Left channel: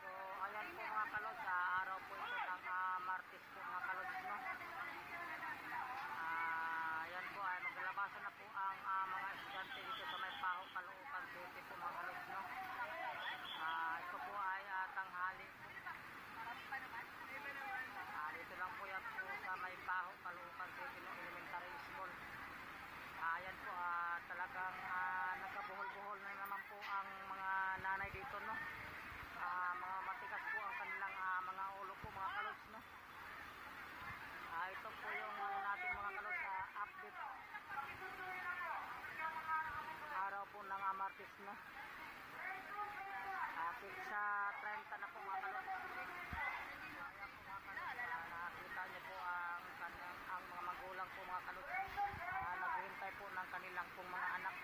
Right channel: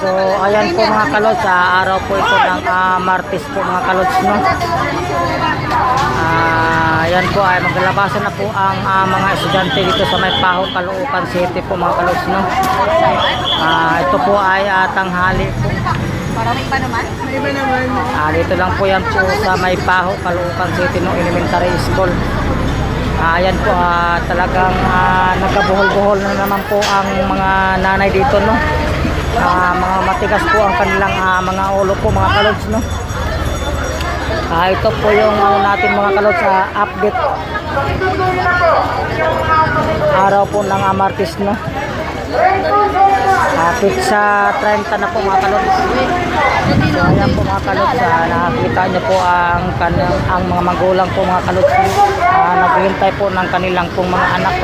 So ayan po mga kalods, araw po ito ng Martes po mga kalods, no. Ayan po ay maglalabasan na po ang mga estudyante dito sa May Paho, Caloocan City po mga kalods, no. Ito po ay tanghali po. Parang may iba naman? May iba naman. Dito lang po yan po sa May Paho, Caloocan City, no, elementary school. Ayan po, talagang nagkabuhol-buhol na naman po ang mga nanay dito, no. Mga matigas po ang kanilang mga ulo po mga kalods, no. Ito po yung natin mga kalods, update araw po ng Martes, no. Pizza 30 na po mga kalods. So ayan po mga kalods, nakakita nyo po ang mga magulang po mga kalods, naghihintay po ng kanilang pong mga anak.